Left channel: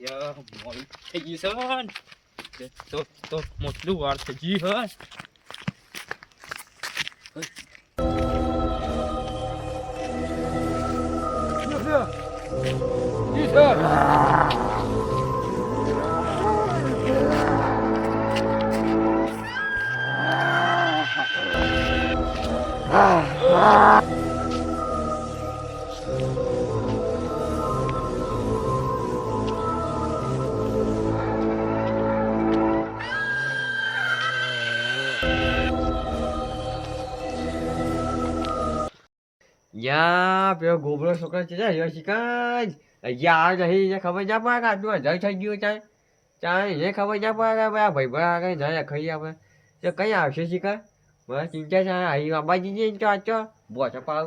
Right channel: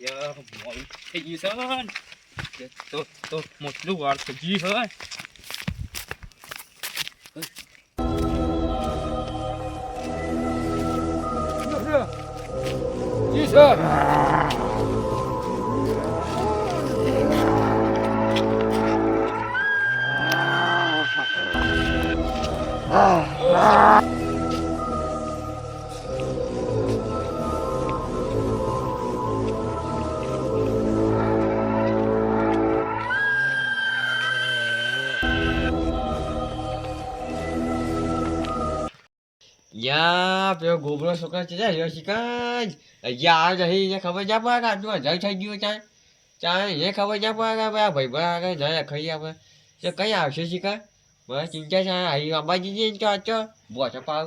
યા મોડી થઈ ગયું છે તો મોટલું વાર થઈ ગયું યા પેલો ગોબરો છોકરો છે જો શિકાજ અહીંયા આ જઈ ખબર ના પડે કે આટલું હજાર થઈ ગયું ચાલ ચાલ એને ખબર ના પડે કે આ ભાઈ બરા આગળ જાય ખાઈ આપણે તો કઈ આવશે શિકાર મને ચિંતા છે અહીં અંબાજી જઈને તો આચો બોછો પાવ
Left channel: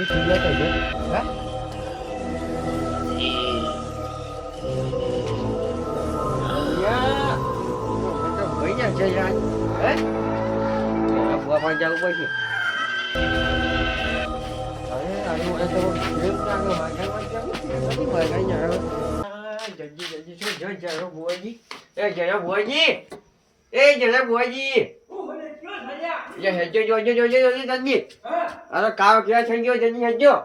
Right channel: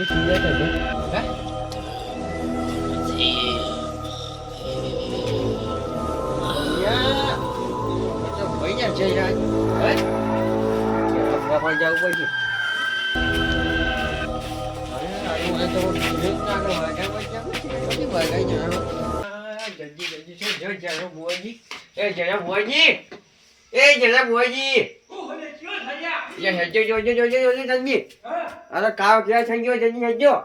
Gue juga aja, hah? Ya, macam banyak cairan, eh? Ya, berapa jauh lagi? Ada tu dia nak macam tapi bagainya apa? Jadi jangan buat ni, jangan buat ni, jangan buat ni. Ya, jo tadi. Ada kau kira senjo jadi senjo.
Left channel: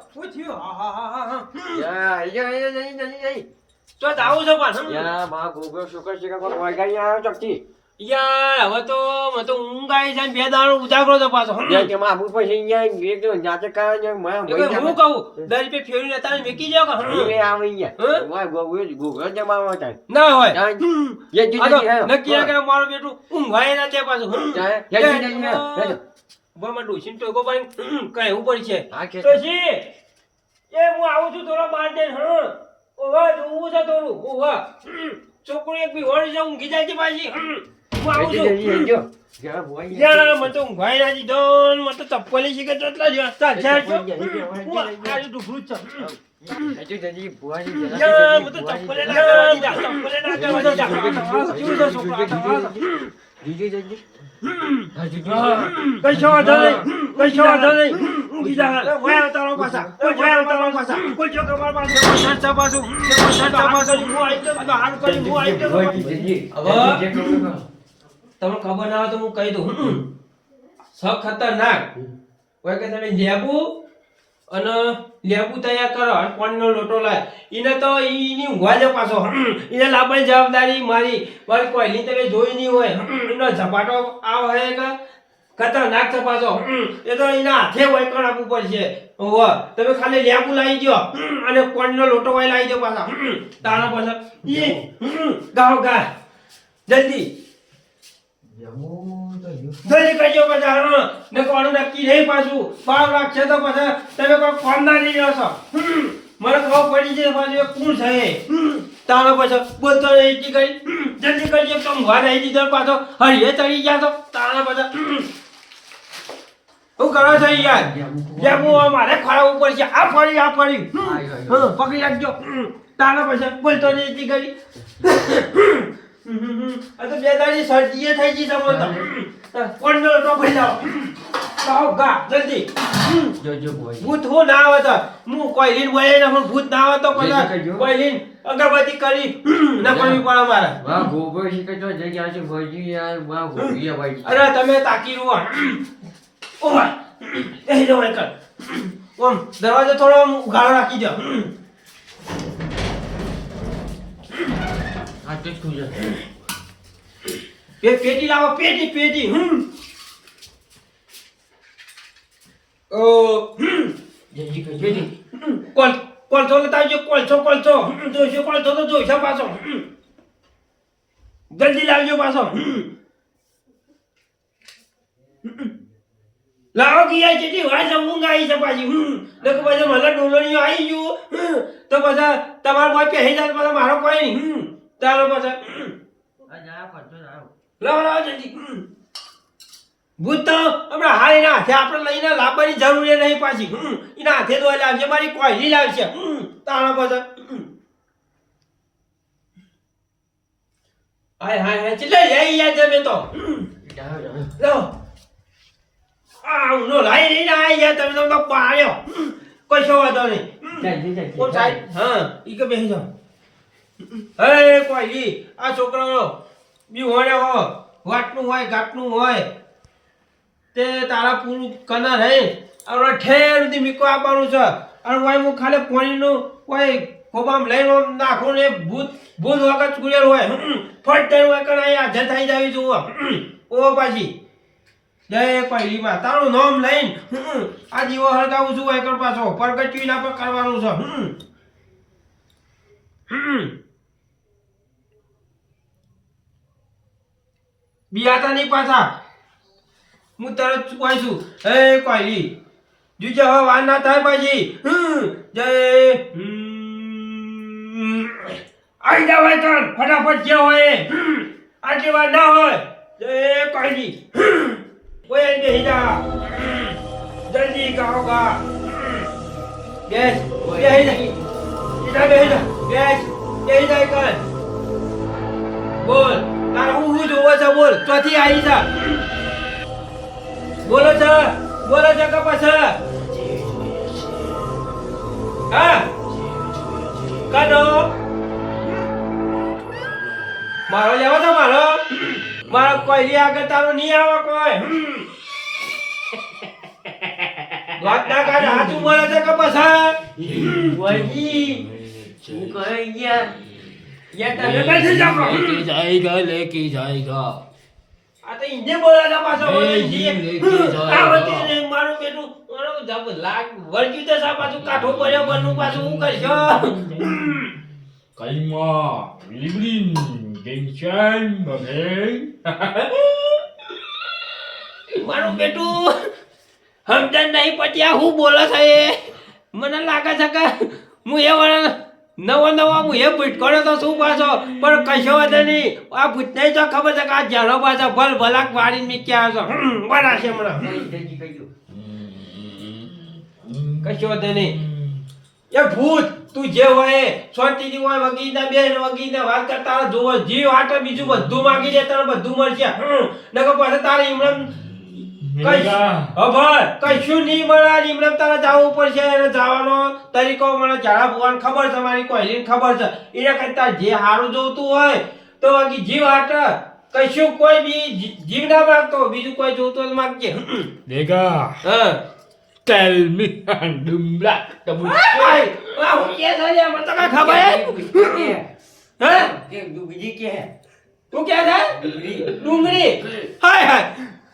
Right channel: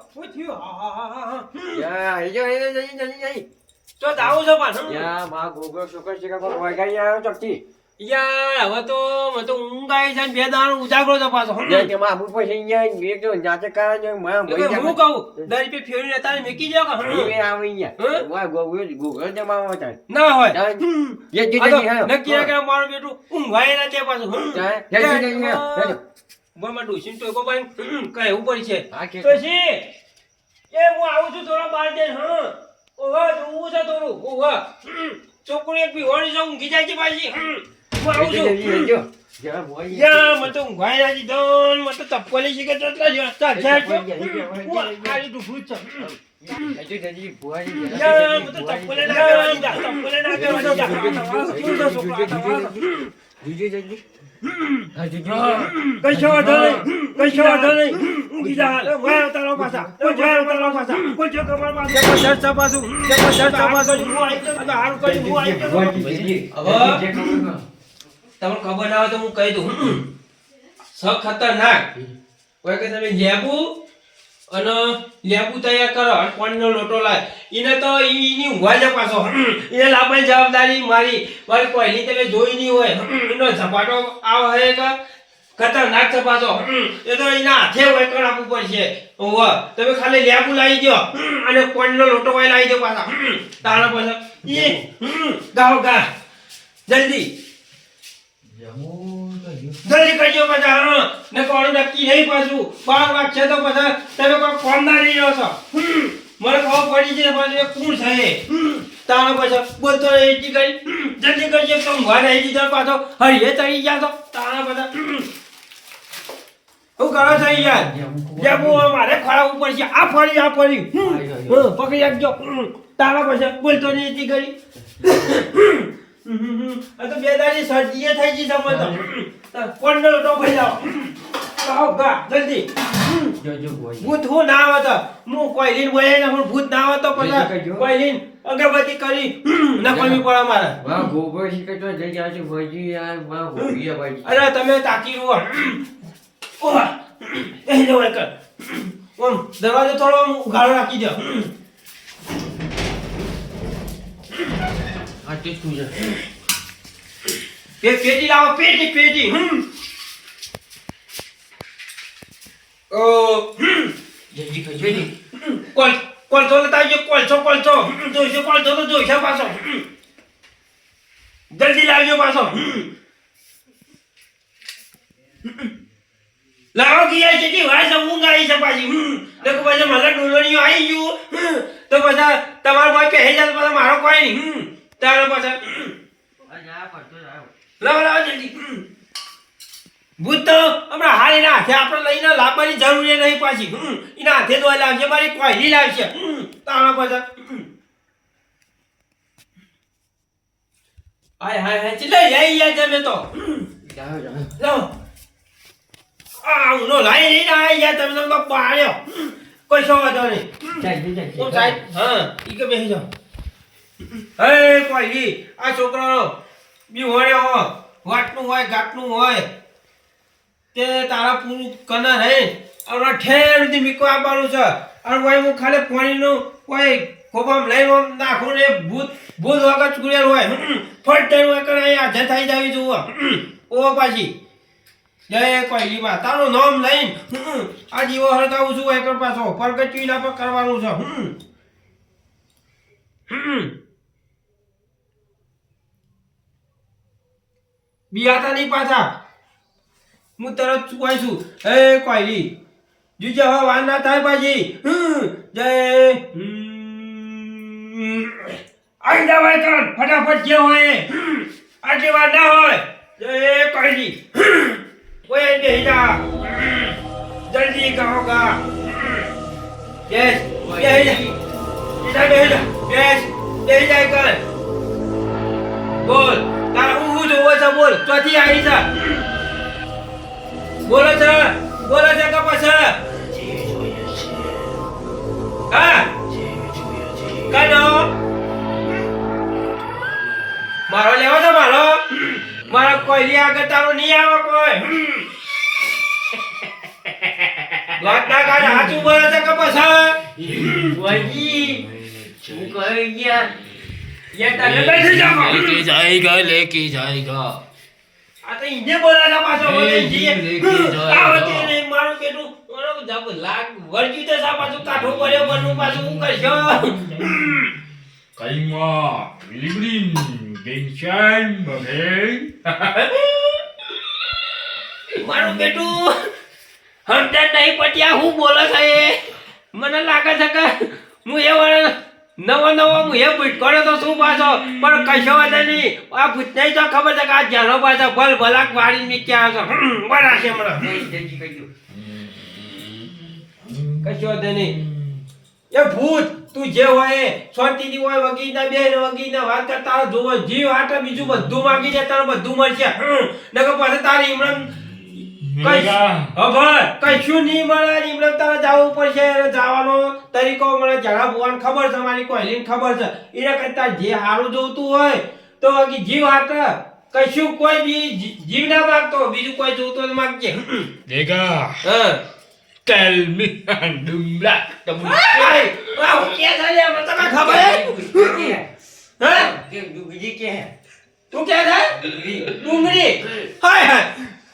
Ya, jadi. તો આવું છો પાછું Ya, માં ગોગો છોકરો છે કે કોઈ વાગી આવ્યો ચોકથી. યાર હવે તો મને તો ઊંઘ આવી જાય ને બે દાડો ઉજાગરો તો પાછો જે કે માં આબુ પછી અહીંયા એક તો જાતે કાય ને મને હું કહું 10 રૂપિયા ફેરવી લેતા મેકી જાવ કે એ આવે અહીંયા. માં ગોગો જમા હોતા. ના હોય ये जी નક્કી કે મારું બેટું ઊંઘાય ના તે પાછું બોમાં ડોસીન તો ગોબાઈ કઈ ઉપર છે ડોસી એ હું આવું છું થોડા બાર દે ઓવા જોવું છે થોડું ઓવા છોકરી એક બી હોળી જાઉં ઊંઘી જાય છે પાછી હું આવું છું યા મને તો ઊંઘાઈ ના જી દોન મને તો ચપ્પલી શીખે તો એટલા જ ચાલ ચાલ આલી ડુફરું છે યા મને તો ચપ્પલે ના કશો વાંધો નહીં ઊંઘી જા વાય તારો પાછા કોઈ જો કમર પાસે જબરદસ્ત પાછું હું આવી તો હાલ કરી હું આવી તો તમને ખબર ના હોય તો હું કહી દઉં ખતરનાક કોઈ કે તમે લેબુ તૈયાર કરો અને પાણીનો લોટો લાય એને તો ઈની ઊંઘવા જ પાછો એને લાવવાની જવાબદારી મારી બસ કોઈની તમે જોઈ નહીં હોય એનો ઝપાટો આવો હે કે ખતરનાક છે પાછો એ તો એના હાથે હોય કણ આપવું પડશે તમે ખાલી લેબુ લાવી દો અને પાણીનો લોટો હોય લાવી દો પાછા તારા પાછા ગાઓ ગા જલ્દી જલ્દી કરજો પાછા ને કોણ નક્કી નહીં પાછું 12 વાગશે તો પાછા તમે કોઈ ફોન ના લઈ રહ્યો છો મને ખબર પડી છે પાછું કોણ છે તારો પાછો બોલતો એટી કરી જલ્દી કરજો તો ઊંઘવા નહીં દીધો પાછો હરીએ ચડી ગયા છો તારા પાછા હું કરો છો યાર જેમ મારે ખરાબ ઉપર છે આ ફળી પકડી રાખજો તારા પાછા બોલતો નહીં એટી કરી આ તો બે દાડી સર્દીએ થઈ ગઈ તમને તો કોણ તો ભાઈ જાઓ લાવો ગા જલ્દી જોજો ભુવાજી ભૂત હું ના આવે તો હું કોઈ લીન બોલે ને હું ભૂત ના આવે તો જલ્દી પછી કરજો. કોઈ લીન અગરબત્તી કરી ન કરવી પડે મારે વાહ ગોબર થી તો જઈ જાય છે ભુવાજી યાર વાહ ગોબીએ ભાઈ અરે તમે તાકી રહો ઓહ એ નો એક ઓમ દરવાજો થોડો આમ ઉઘાડો રાખી દો આ તે શું છે પેટી લાવો પેટી ઓ જલ્દી કરજો પેટી કોલસો લેતા આવજો કોલસો જોઈશે કોલસો તો જોઈશે પાછો જલ્દી લાવજો પાછો લાવો ગયા છે જી વાય ઊંઘ આવી છે પાછી દેખો પાછા મને ડોલણીઓ આવી ગયું તો પાછા તમારો કોઈ કહે જાય તો પાછા મારો કોઈ નહીં તારો પાછા આ જા પડતો જાવ લાવો જલ્દી ભૂત તો હમણાં હાલ એના હાથે આપણે લઈને લાવવાની જરૂર નહીં પાછી એના હાથે તો લાવશે મારી કોઈ લાવશે તારો પાછા હાય ચલે લઈ યા જમે તો જાવ લાવો ઉનો લાઈ લઈને આવી ગયા તમે તો પાડ્યો કોઈ શો વાંધો નહીં ઓ સાહેબ હા ઈ કે બેસી જાઓ હે કોઈ આ છોકરાનો બી હોય હો વાટનું હોય ગાટનું હોય તે તારા પૂરું કના નહીં હવે ઠેર સુધી મીકો આપવાનું છે અને ભાઈ હું ખાલી પાણીનું કોઈ ખોબામ લઈને નાખું ને ભૂત વગર ચૂરેલ હોય ફટ ટાઈમ હોય કરે હાજર થઈ જાવી જુઓ ઓ પાછી જય કોઈલીમાં તારું નામ લઈને આ જીવો હળગાવું છું એકર પાછો પરગટ્યું ના પર કરવાનું છે બિયાતા નહીં પાછા હું તરત ચૂકવાય છું હે કોઈલી જુજે હવે વાર ના થાય પાછી જય આવી જવાય કર ફટાફટ જે હોય આટલી વાર ના હોય જય કોઈલી ઓય બેહી જા જલ્દી ગાઓ ગા બેસ બેહી જા ઈધર બેહી જા બેસ બેહી જા કર બોલ તારા હું જોવો છે બોલ ચોથી આવી છે બોલો છે કપાસ હા કાઢો મારો લેવો છે મારા કોઈ આગળ તારો નહીં આવે કોઈ વાત ના કાઢ હાચું બોલે છે કપાસ ભુવાજી શું કહી ગયા યા તને કઈ જામો लेके जाएगा આ તો ઇને બોલા છે પાછો બોલે જી લેકે જાઓ. આવતી ને મારું પેટું મારો જબ લાગ વળગી તો સા પાછું કાઠો પડ્યો બનનું પાછું હું કરશો Kalima, Librin, Genchan, Babel. મારું બેટું હમદન નહીં પટ્યા હું બોલે છે એ મને લાગે છે કે હું એ વળ નવો હું એ ભૂત કરે તો શું પાછો પણ કશો વાંધો નહીં આ ભૂત નહીં તો ખબર છે કે આ જાણો પાછો ભલાક વાળી મી ક્યાં આવશો બનાશે હમણાં જલ્દી કરજો કશો વાંધો નહીં એ ભૂત તું જે હોય એ શાંતિથી હોય વગીના બેન વગીના વાત કર તારો જોવો જીવ આટે બીજું બધું માંગી જાય તારે બધું મળશે નકર પાછું તારે ઇમરાન કશું નહીં મળે ઇમરાન તારે જવું પડશે એને જવાનો તરીકો મને જરા ભુવાને ખબર છે મારી કોઈલીને ખબર છે એને કરતા જે સારું જોતું હોય તો વગી જીવ આટે કશું કોઈ બી જીવ ના માગતો બીજું કોઈ જોતું હોય તો માગજે Dega, હા tell me and dumla. હું કે છે લે મને તો કઈ ખબર હે હા કે ડુંગળી કે હે તું કે છે ડુંગળી હાય હાય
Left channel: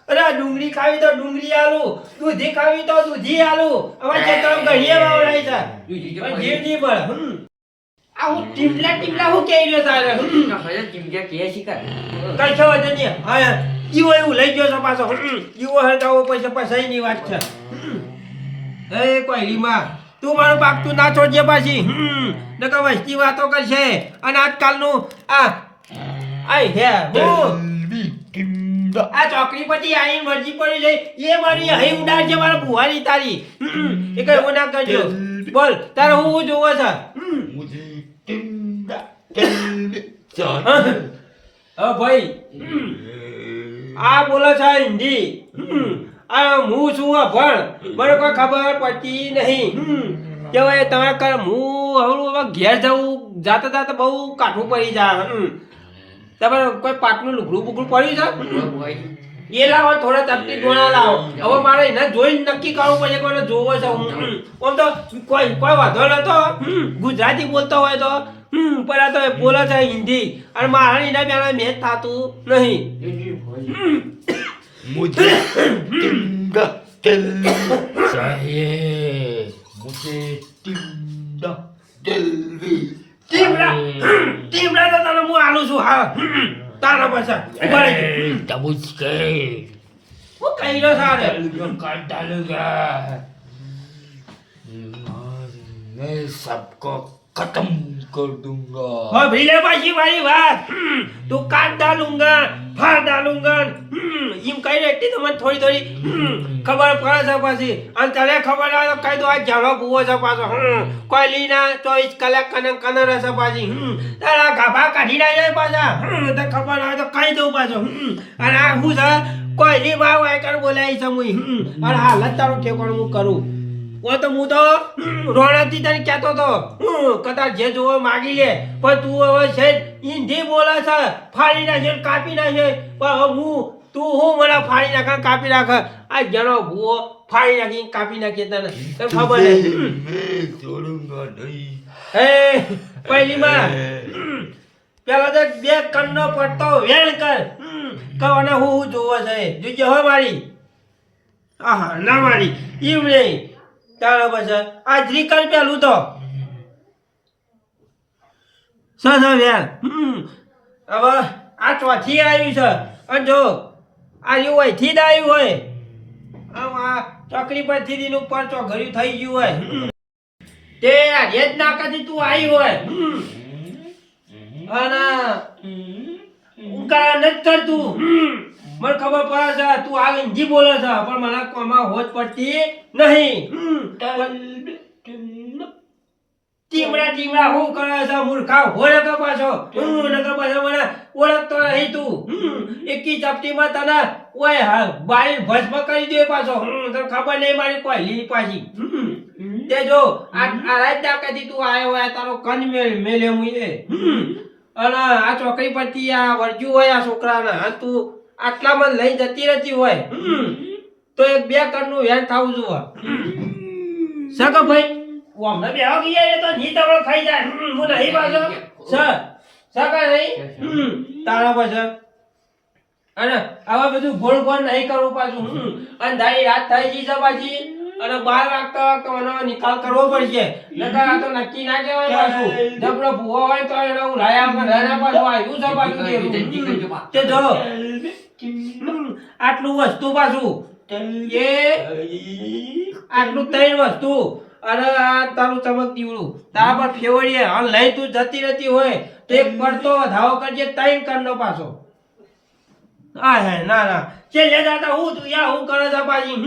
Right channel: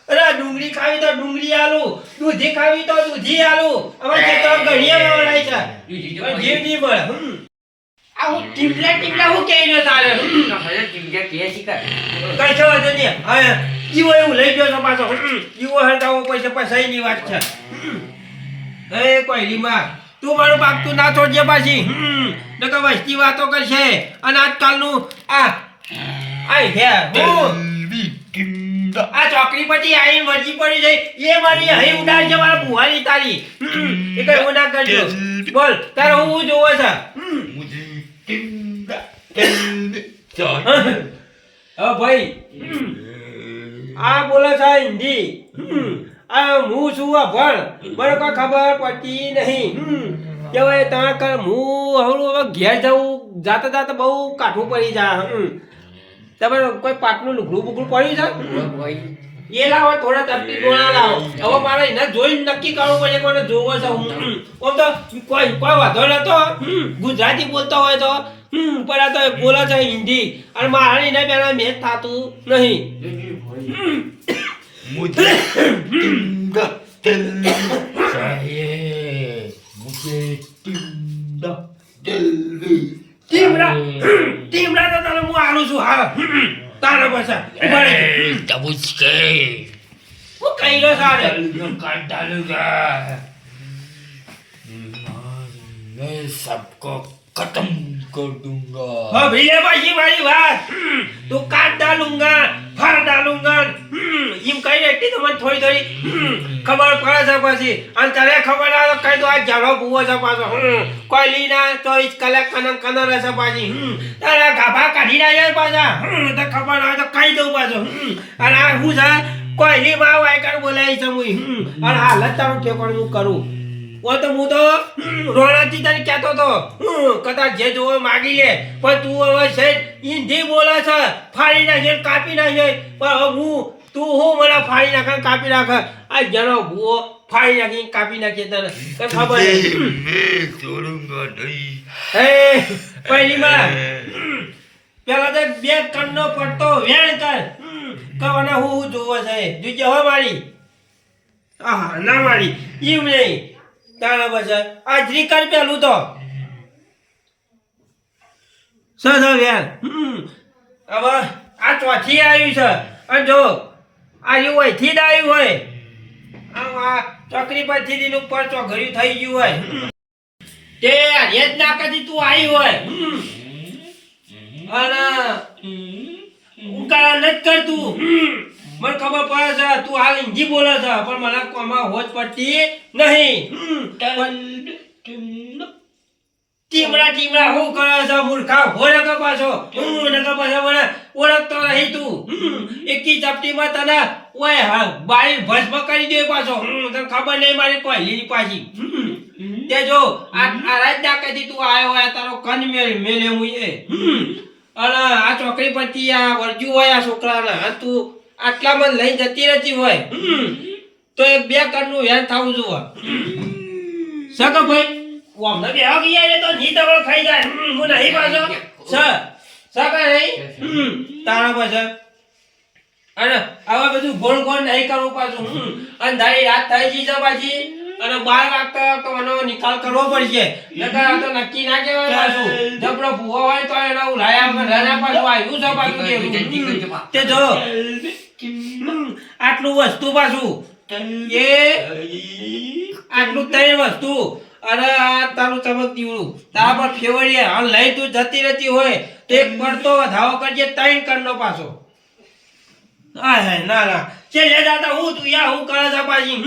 અરે આ ડુંગળી ખાવી તો ડુંગળી આલુ દૂધી ખાવી તો દૂધી આલુ અમાર કે તો ગઢિયા વાવડાય છે પણ જીવ નહીં મળે આ હું ટીમલા હું કહી રહ્યો તારે હવે ચીંગ્યા કે શીખા કઈ છો વધુ નહીં હા જીવો એવું લઈ ગયો છો પાછો જીવો હરગાવો પૈસા પૈસાની વાત છે એ કોઈ રીમા તું મારું બાપ તું ના છોડજે પાછી નકર વસ્તી વાતો કરશે અને આજકાલનું આ આય હે હું આ ચોકડી પછી આઈ મરજી પડી જાય એ મારી હઈ ઉડાડજે મારા બુહારી તારી એ કઈ એવું ના કરજો બોલ તારે હું જોવો છે ભાઈ આ બોલે છે હિન્દી આ હું છું આ ભણ મને કોઈ ખબર પડતી નહીં કેવાય તમે કર હું હવે ઘેર જવું જાતા જાતા બહુ કાઠું પડી જાય તમારે કોઈ પાટનું લુગડું બુગડું પડ્યું છે એ લાવો થોડા તપતી ડોળા લાવો હવે મારે એને જોઈને નક્કી કરવું પડે કે મને જોવો છે આમ તો કોઈ વાંધો નતો ગુજરાતી બોલતો હોય તો પણ આ તો બોલે છે હિન્દી અને મારા એના બેના મેચ થતું નહીં मुझे चाहिए मुझे ટીમડા તો તને હું આલું છું હા તારા પૈસા ઉભા રહી तब उसके હું કઈ રહ્યો સારે काट डालूंगा मैं सबको खत्म कर दूंगा હા ભીલે પાછી મારી વાત તું કાટ ડાલુંગા ફાર ડાલુંગા એમ કઈ રહેતી તો મને થોડી થોડી ખબર પડે છે પછી અને તને ખબર ના તો કઈ દો આ ઝાડો ભૂવો છે પાછો કોઈ લીના 24 કલાક કનમ રહેશે પાછી તારા ગાભા કાઢી નાખે પાછા તો ખબર ના હોય તો કઈ દઉં પાછો અને આ શું છે કોઈ લી માં વાયકર બોલાય છે હું અને હાલત તારું ઠેકોણ હું કરું ઓ તો હું તો રોણાથી તને કહેતો તો કદાચ જે જોવો માગી લે પણ તું હવે છે હિન્દી બોલે છે ફાડી નાખે કાપી નાખે પણ હવે હું તું હું મને ફાડી નાખે કાપી નાખે આ જણો ભૂવો ફાડી નાખી કાપી નાખે તને ખબર छोड़ूंगा नहीं હે પહેલીમાં પેલા તો બે કણનો પડતો વેણ કર કવાના હું જોવો છે જોજે હો મારી આહા ના મારી ઈવ નહીં તારા પછી આ શ્રીકર પેલું તો સર યાર હવે આ ચોથી આવ્યું છે અને જો આ એવું હોય થી જ આવ્યું હોય આમ આ ચોકરી પરથી દીનું ઉપર ચોઘર્યું થઈ ગયું હોય તે રેત નાકાથી તું આવી હોય અને ઉકા નથી કરતું મને ખબર પડે છે તું હાલ હિન્દી બોલે છે પણ મને કોમાં હોજ પડતી નહીં ટીમડા હું કરે છે મૂર્ખા હો નકા પાછો નકા પાછો મને ઓળખતો નહીં તું એકી ચપટીમાં તને ઓય બારી ભસ્મ કરી દે પાછો તને ખબર નહીં મારી કોઈ લીલી પાછી તે જો આ રાત ડાકેથી તું આવ્યો હોય તારો કન મેલે હું એ અને આ ચોકડી પરથી આ વરજુ હોય આ છોકરાને તું આટલામાં લઈ જતી રહેતી હોય તો એક બે કણનું વ્યાન થવું જોવે સગો ભાઈ ઓમને બેહો ગયા તો ની તબળ ખાઈ જાય હું નહીં પાછો સગા નહીં તારા પાછળ અને આવા બધું ગોળ ગોળ નહીં કરવું પાછું અંધારી રાત થઈ ગઈ છે પાછી અને 12 વાગતા તો એનો નિકાલ કરવો પડશે નકર આ તો નક્કી ના કહેવાય પાછું જબરો ભૂવો હોય તો એનો ઉલાયા વગર રહે પાછું આવ્યું છે પાછું તે જો આટલું વસ્તુ પાછું એ આટલું ત્રણ વસ્તુ અને આ તારું ચમક દીવડું તારા પર ફેવરીએ હાલ લઈ તું જતી રહેતી હોય તો એક પડતો વધાવો કરજે 3 કણનો પાછો હા ના ના છેલ્લે દાદા હું તું યા હું કરે છે પાછી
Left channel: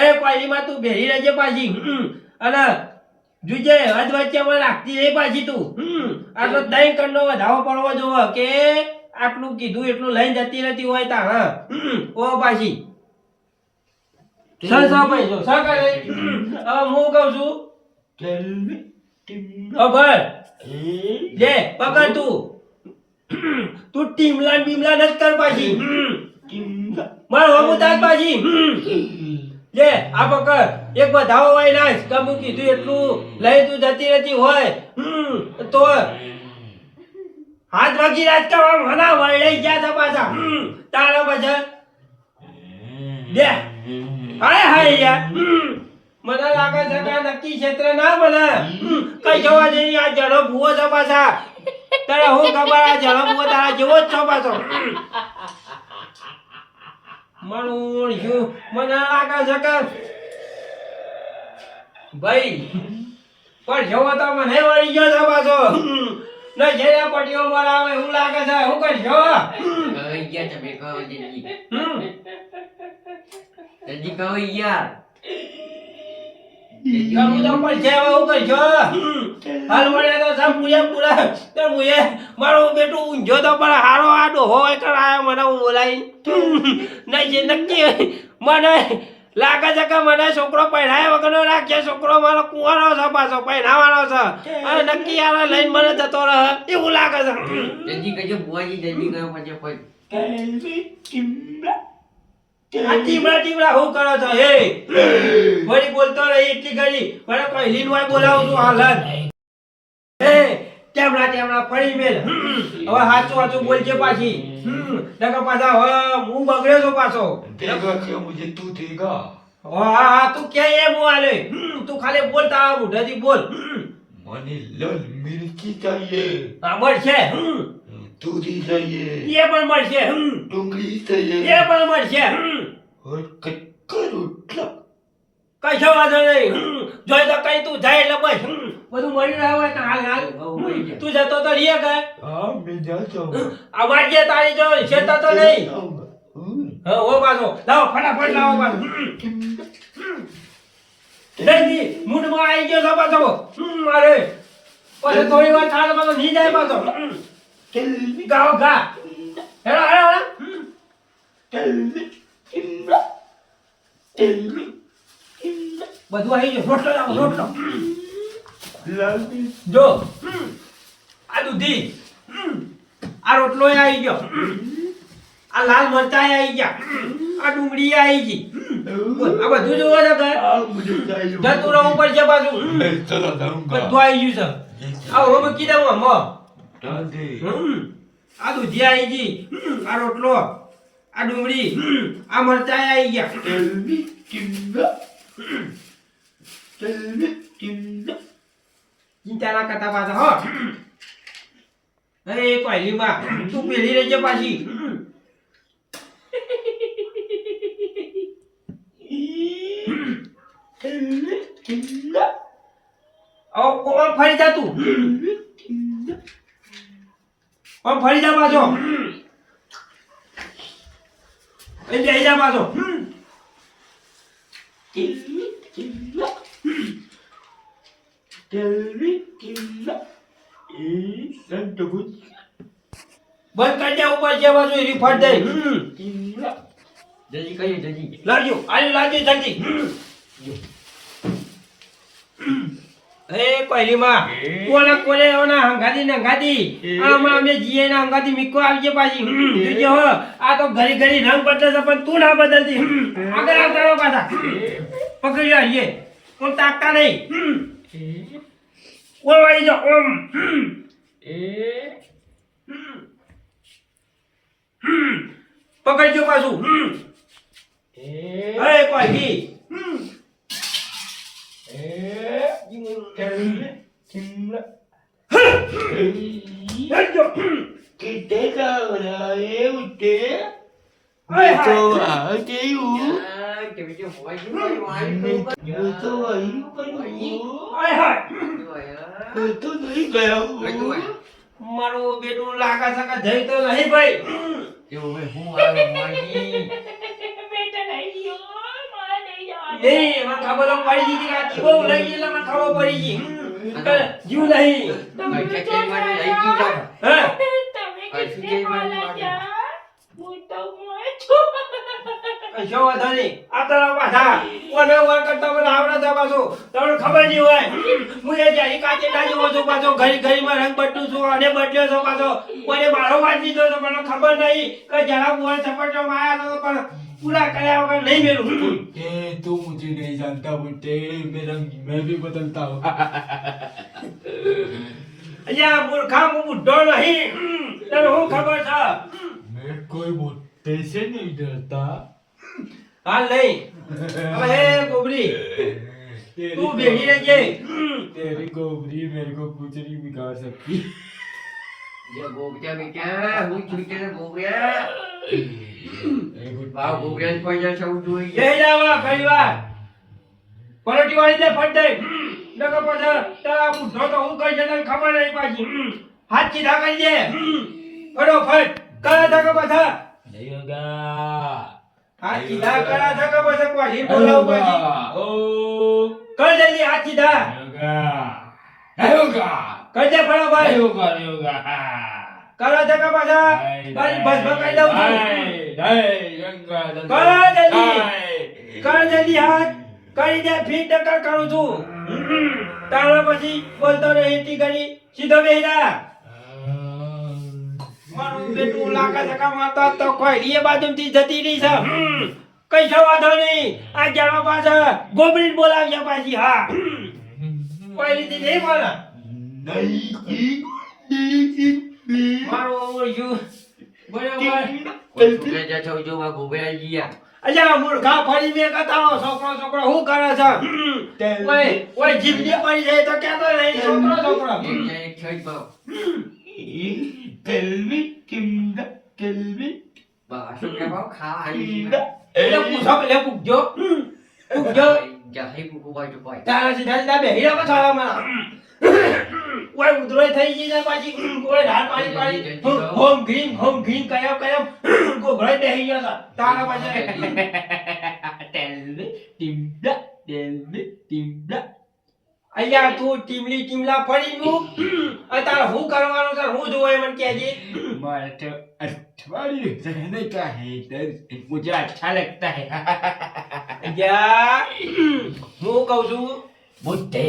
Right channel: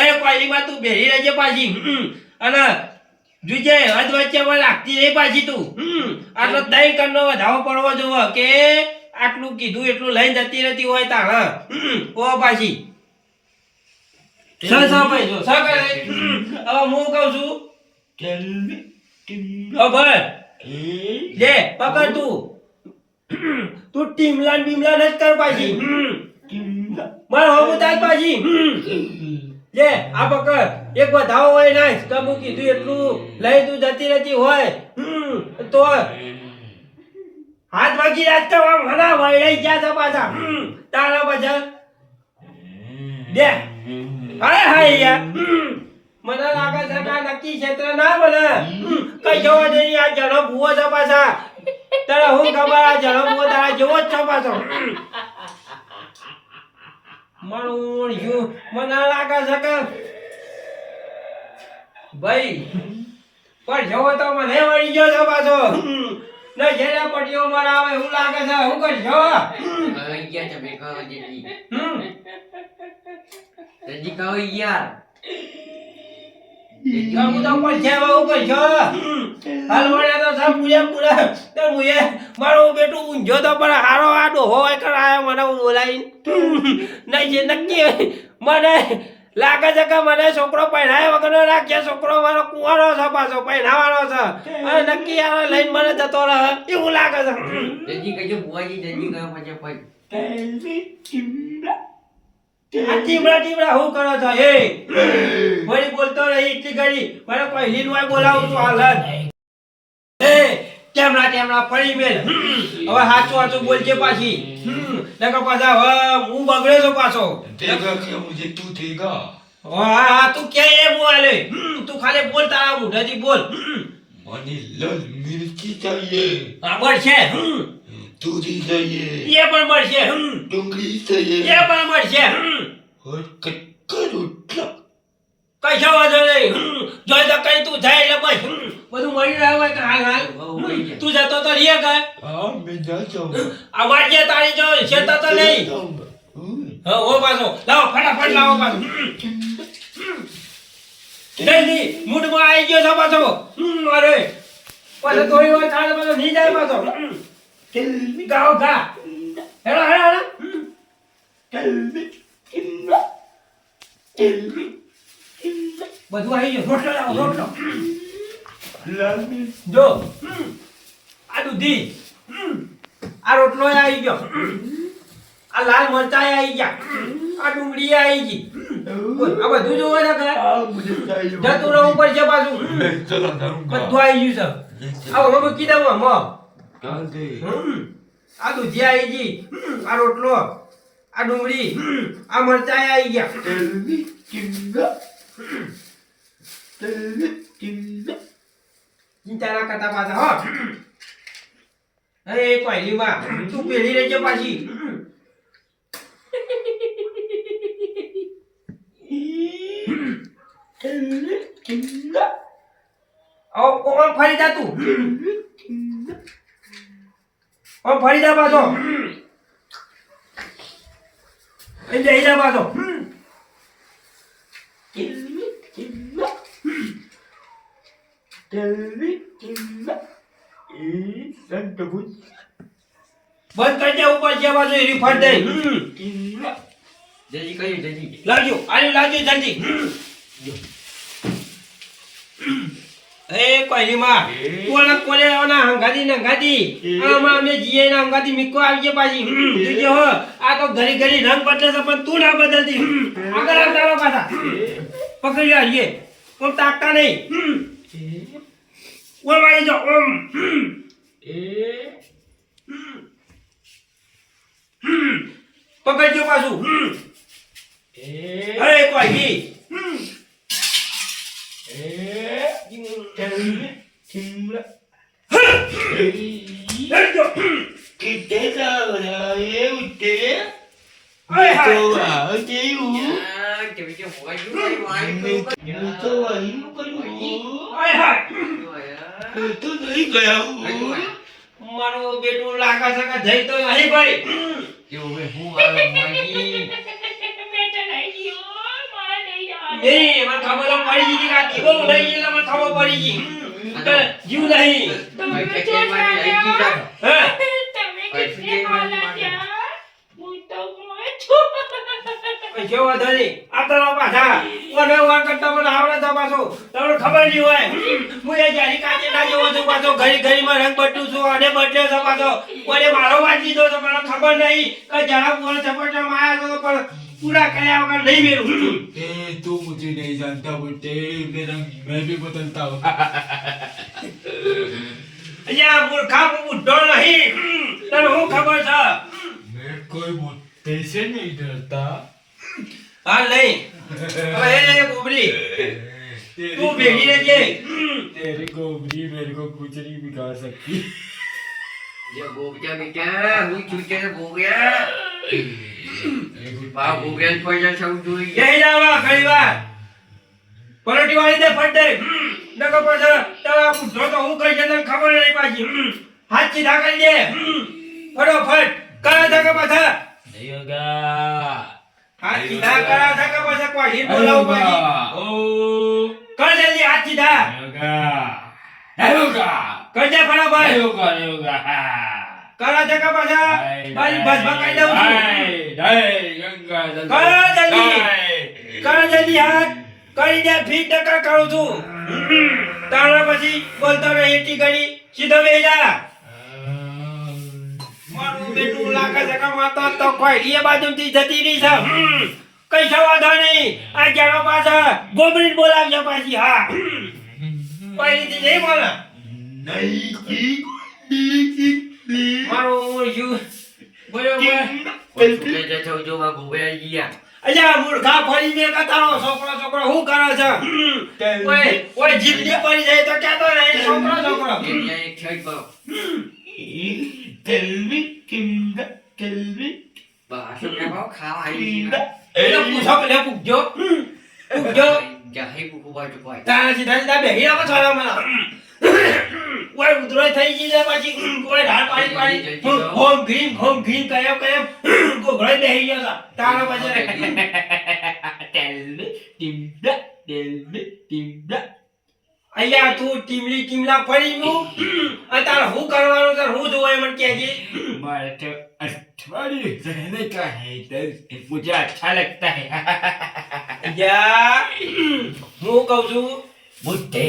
એ પાલીમાં તું બેરી રહેજે પાછી અને જોજે હદ વચ્ચે પણ રાખતી નહીં પાછી તું આટલો 3 કણનો વધાવો પડવો જોવો કે આટલું કીધું એટલું લઈને જતી રહેતી હોય તારા ઓ પાછી ભાઈ જો હવે હું કહું છું ભાઈ લે પકડ તું ટીમલા બીમલા નથી કર પાછી માર હોવું તાર પાછી લે આ પકડ એક વધાવો હોય ના કમું કીધું એટલું લઈ તું જતી રહેતી હોય તો હાથ વાગી રાજકા ઘણા વળાઈ ગયા છે પાછા તારા પાછળ દે હાય હાય યાર મને લાગે છે કે નક્કી ક્ષેત્ર ના બને કઈ જવા નહીં આ જણો ભૂવો છે પાછા તારા હું ખબર આ જણો ભૂવો તારા જેવો જ છો પાછો મને લાગે છે કે ભાઈ પણ જવો તો મને વળી ગયો છે પાછો નહીં જયા પટીઓ મારા આવે એવું લાગે છે હું કઈ જવા તમે કહો જલ્દી કહો યાર હું તો પણ છે હું કઈ છો હાલ વળ્યા તો સબ પૂરા તો મુએ મારો બેટું ઊંઝો તો પણ હારો આડો હોય કરાયો મને બોલાઈ નહીં જે નક્કી મને લાગે છે કે મને છોકરો પહેરાયા વગરનો રાખે. છોકરો મારો કુંવારો છે, પાછો પહેરાવાનો છે અને નક્કી આવે લઈને મને જતો રહે એવું લાગે છે. જલ્દી કહેજો બુઆજી, જલ્દી કરો પછી કોઈ. આ ટીમડા હું કરો છો? એ વળી બોલતો રહી એટલી ઘડી મને પહેલી નું બોલાવું છું હાલ જ. એ ટેમડા ફરી મેલ. હવે સાચું બોલજે પાછી. નકર પાછા હવે હું બગડ્યો છું પાછો. देगा क्या मुझे तू देगा હા તું કે એમ હું હાલે. તું ખાલી બોલ, તારા મોઢેથી બોલ. મને लाल मिर्ची चाहिए હા મળશે. दूधी चाहिए એ પણ મળશે. डूंगरी એ चाहिए પણ મળશે. और कटका रोटला કશો વાંધો નહીં. જોઈ તો કઈ તું જાય એટલે બસ બધું મળી રહ્યું હોય કે હાલ હાલ તું જતો તો રીએ ગયો. हाँ मैं जा जाऊंगा અમાર જે તારી જો શેતા તો નહીં. હા ઓ પાછો લાવો, ફટાફટ લાવો પાછો. જલ્દી મૂડમાં આવી ગયો છો પાછો. અરે પછી થોડી વાર થાય પાછો નહીં જાય પાછો. ગાઓ ગા હેડો હેડો બધું આવી ગયું. રોટલો લાવો, રોટલો. लाल मिर्च જો આ દૂધી, આ રોટલો આવી ગયો, આ લાલ મરચાં આવી ગયા, આ ડુંગળી આવી ગઈ. બોલ, આ બધું જોવો છો કે हाँ मुझे चाहिए જતું રહેવું પડશે પાછું. मैं चला जाऊंगा બધું આવી ગયું છે. આ ઓલો મૂકી દઉં આમાં. डाल दे આ દૂધી આવી ગઈ, આ રોટલો, આ ડુંગળી, આ મરચાં આવી ગયા. ચિંતા ના કરતા પાછા હો. અરે પહેલીમાં તું પેલી રહેજે પાછી. ઓમ ફરી જા તું. ઓમ ફરી જા પાછો. અહીં જઈ જા પાછો. બંધ કરી દે ઉપર જે બાજુ એની ફટ દે. જલ્દી કહેજો, જલ્દી. લાવજો, આને લાવજો જલ્દી. એ પહેલીમાં કોને આવના હંગાતી નંગાતી આમાં અમે જીએ ના હંગાતી મીકો આવજે પાછી. જોજે હો આ તો ઘડી ઘડી રંગ બદલે છે પણ તું ના બદલતી. આગળ આવતા પાછા પકડી લાવીએ. ઓમ તાકતા નહીં. ઓમ આવી જાઓ ઓમ. પકડજો પાછું. અરે કોઈ મારું બેટું લાગે છે કે જઈ તો નહીં ભાઈ. હું આવ્યો માગી. નહીં મને ખબર પડી ગઈ કે આ જીવો લઈ ગયેલા મને ખબર પડી ગઈ. જીવ નહીં. હા કશો વાંધો નહીં. આ તારો પાછા ઓને ઓન કરતા મને આવડે તો પાછો તમને ખબર નહીં હોય. હું એ જારી કાચે ના જેવો છું પાછો ઘડી ઘડીમાં રંગ બદલું છું અને બદલ્યો છું પાછો. કોને મારો વાત લીધો તો મને ખબર નહીં કે જરા બોલ ચપટમાં આવ્યા તો પણ पूरा કર્યા વગર નહીં મેલું. तू मुझे नहीं जानता बेटे मेरा मैं भी बदलता हूँ અહીંયા મૂર્ખા હું બુઢો નહીં. તને હું ખબર છે? मैं कोई मुद्दे से नहीं डरता હાલ નહીં. હવે ગોબરી તું ભેગી રહેજે. तेरी गोबरी मेरे को कुछ नहीं बिगाड़ सकती જે ગોબરા બેટા, હું છું તે ગોબરા. બા ગોબરા કોઈ જશે હું જોઈ. જઈ જાવા ઘણી વાર પરોટી વાળી દે ફટ દે. નકો પછી તારા બુઢો તો હું કરી છે તને ખબર નહીં પાછી. હાથ સીધા કરી દે. ફટોફટ કરા ધકા પાછા. नहीं होगा હાથ સીધા કરા ધકા પાછા કોઈ બોલાવ પાછી. ओ કર જલ્દી હાથ સીધા. नहीं होगा કર દે ફટાફટ. नहीं होगा नहीं होगा કરા ધકા પાછા. બારી બસ ભકાઈ દઉં છું. नहीं गंगा કર જલ્દી. કર જલ્દી હાથ કરી દે ફીટ ટકા કરું છું તારા પછી બોલતો નહીં એટલી ઘડી સીધો બેસી જા મારું બેટું લાકા સકા માતા તો કોઈ એ બાજુથી જતી રહી છે કઈ છો વાંધો નહીં આ જાણો પાછા ગોબરી બોલાવજો પાછી હા પહેલીથી નહીં બોલા મારું યુ બરોબર છોકરા જતો જો માં ગોબરા ગયા અલ્યા મૂર્ખા ફરી મે કતારો છોકરો હું કરે છે ઓય જીભની પડી જાય તો કહેતો નહીં છોકરો અહીંયા એક છેડ પાવ બાસુ કે પાવ ખાઈ એટલે પૂછો લે પૂછજો જાહી કુકુ બાજુ પાય તારા સીધા બેહી આવો થોડા મને ઓય ઉધરોય થઈ ગઈ છે પછી ઓય ઢાળ પાડી હોમ ગ્રીન કયો ગોગળે બેહી ગયો છે તારા પછી ટીમડા અલ્યા તું ટીમલા ફરી ગયું અને તારે હું કરવાનું છે હું જોવાય મને કહેજે मारे तो अठवाडिये रहने का है इधर मुझे अच्छा लगता है અલ્યા હું કહું છું बुद्धे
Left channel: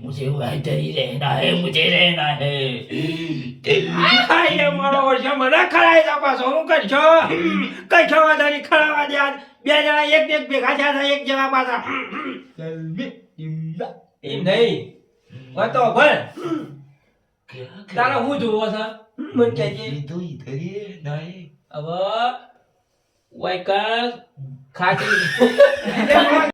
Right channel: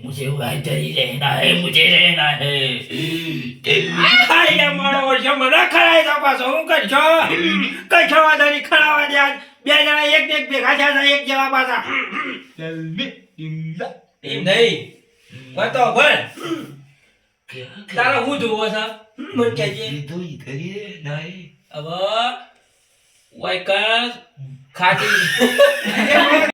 मुझे इधर ही रहना है मुझे रहना है આય મારો વર્ષ મને ખરાય તો પાછો હું કરશો વાંધો નહીં ખરાવા દે બે જણા એક ભેગા થયા છે એક જણા પાછા चल बे टिंडा એમ નહીં તો ભર તારે હું જોવો છે મને કહેજે तो इधर ही रहना है હવે વાયકર ખાટી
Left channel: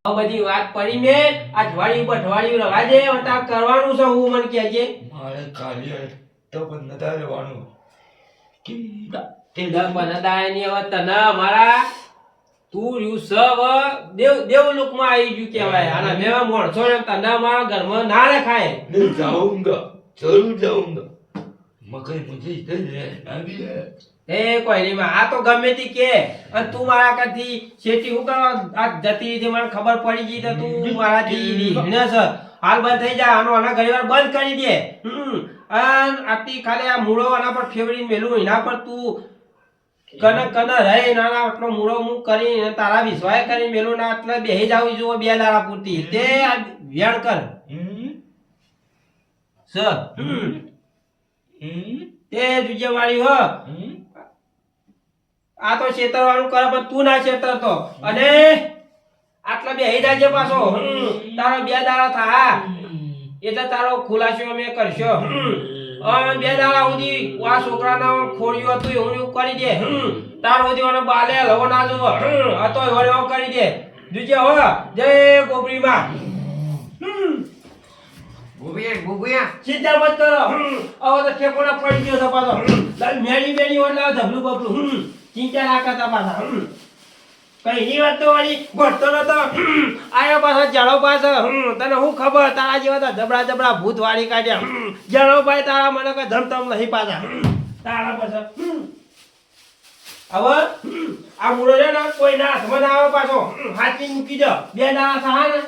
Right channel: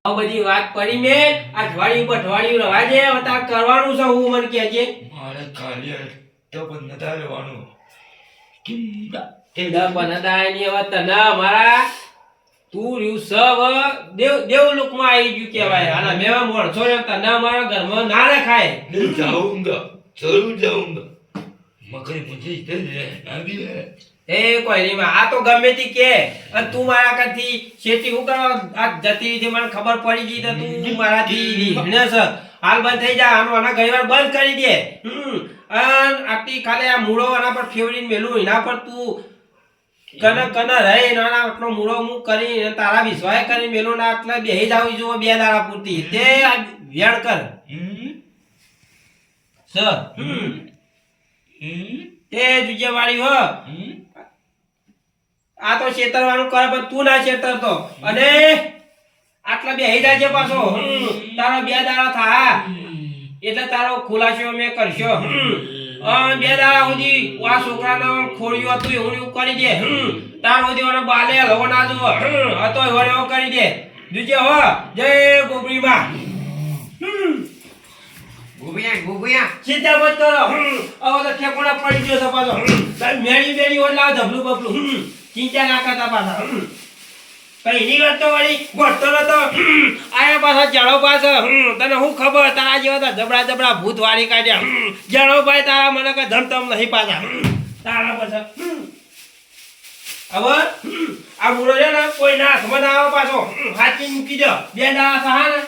આ બધી વાત પડી મે અઠવાડિયું બઠવાડિયું રવા દે હવે તાર કરવાનું છે હું મને કહેજે मारे कालिया तो बनता रहવાનું टिंडा ટીંડા બનાદાય ની હવે તને મારા તું રહ્યું સવ દેવ લોકમાં આવી ગયું કહેવાય આના મેવા મોણસો ને તને મારા ઘરમાં ના રખાય मैं जाऊंगा जरूर जाऊंगा मगर मुझे इधर रहना भी है એ કોઈ નહીં આ તો ગમે તે કે અને તું મારા કાથી શેતી હું કરવા આ જતી રહી છે મને ખબર પડી ગઈ તો તું મારાથી રીહણે છે હાલ બંધ થઈ જા આના ઘણીવાર બંધ કરી દે અને આટલી ખાલી આ મૂળો આના પર ફેવરીને મેલું એના પર તું કન રહે નાના આટલો મૂળો હું કરીને તારા વિશ્વાસ કરી મેલું ના એટલે બેહી જાવ જો બે દાડા પૂરતી તે વેણ કર સર તે જુજે વાળી હો આ તો છેતરવાનું કરે પણ તું ના છેતરતો અને આટલા બેહી જાજે પાછો તારો બે દાડા થા એટલે તારો ખુલાસો અમે કરશો બે દાડા સુધી આ છોકરાના ખોડિયું હતું એવું એવું કરી દે તાર સુધી મને બાલે હલવો ના જુઓ હતો એવો કરી દે જુજે હો જય ગોબરીમાં ગોબિયા ચિંતા મત કરો હવે તો ઠેકોડા પડી ગયો છે પાછો મેળી હોય લાવ ધબલું બબલું ચિંતા ના કરતા પાછા કઈ ની વાત તો વળી ભરતો નતો આયા પાછા જાડો પાછો તને હું ખબર તારા જેવા તો જબડા ભૂત વાળી કાઢ્યા જાડો ભાઈ તારા મને કઈ ધમધમ નહીં પાછા તારા પાછા હવે આ મૂળો છે ને કોઈ ના હાથમાં ના આવે પાછો હાચી મૂકી દો બે ના થા ને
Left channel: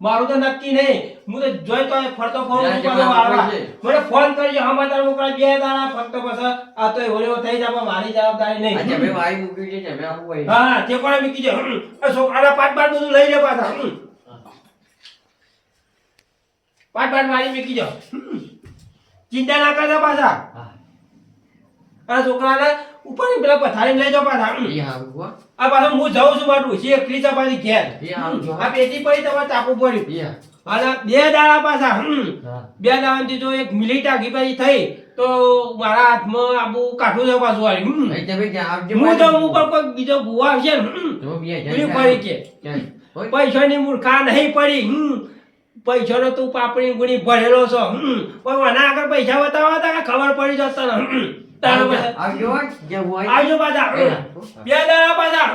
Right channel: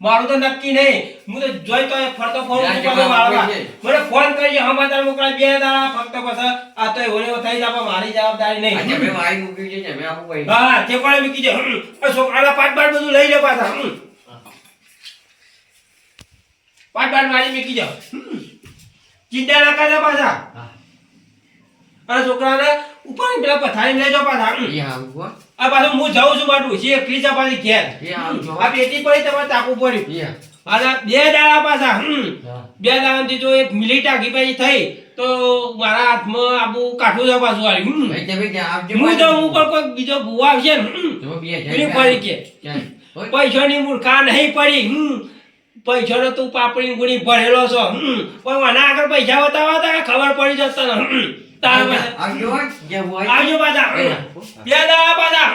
મારું તો નક્કી નહીં હું તો જોઈ તો ફરતો મને ફોન કરી હમાચાર મોકલા બે દાડા ફક્ત પછી આ તો એવો થઈ જાય મારી જવાબદારી નહીં તમે વાઈ મૂકી છે તમે આવું હોય હા તે પણ મૂકી દે છોકરાના પાટ બધું લઈ લે પાછા પાટ મારી મૂકી દો ચિંતા ના કરતા પાછા આ છોકરાને ઉપર પેલા પથારી લઈ જાઓ પાછા આ પાછું હું જાઉં છું મારું છે એકલી ચપાતી ઘેર આ પેટી પડી તમારે તાપું પડ્યું અને બે દાડા પાછા બે દાડાથી જો એક મિલી ટાકી પછી થઈ તો મારા હાથમાં આબુ કાઠું છે પાછું આવ્યું હું તો ઉપર કોઈ બીજો ભૂવા આવશે ને પડી કે પૈસાની મૂર્ખા નહીં પડી પૈસાનો તું પાપડી ગુણી ભરેલો છો પણ મને આગળ પૈસા બતાવવા હતા કે ખબર પડી જતા ને આવજો પાછા બે દાડા પાછા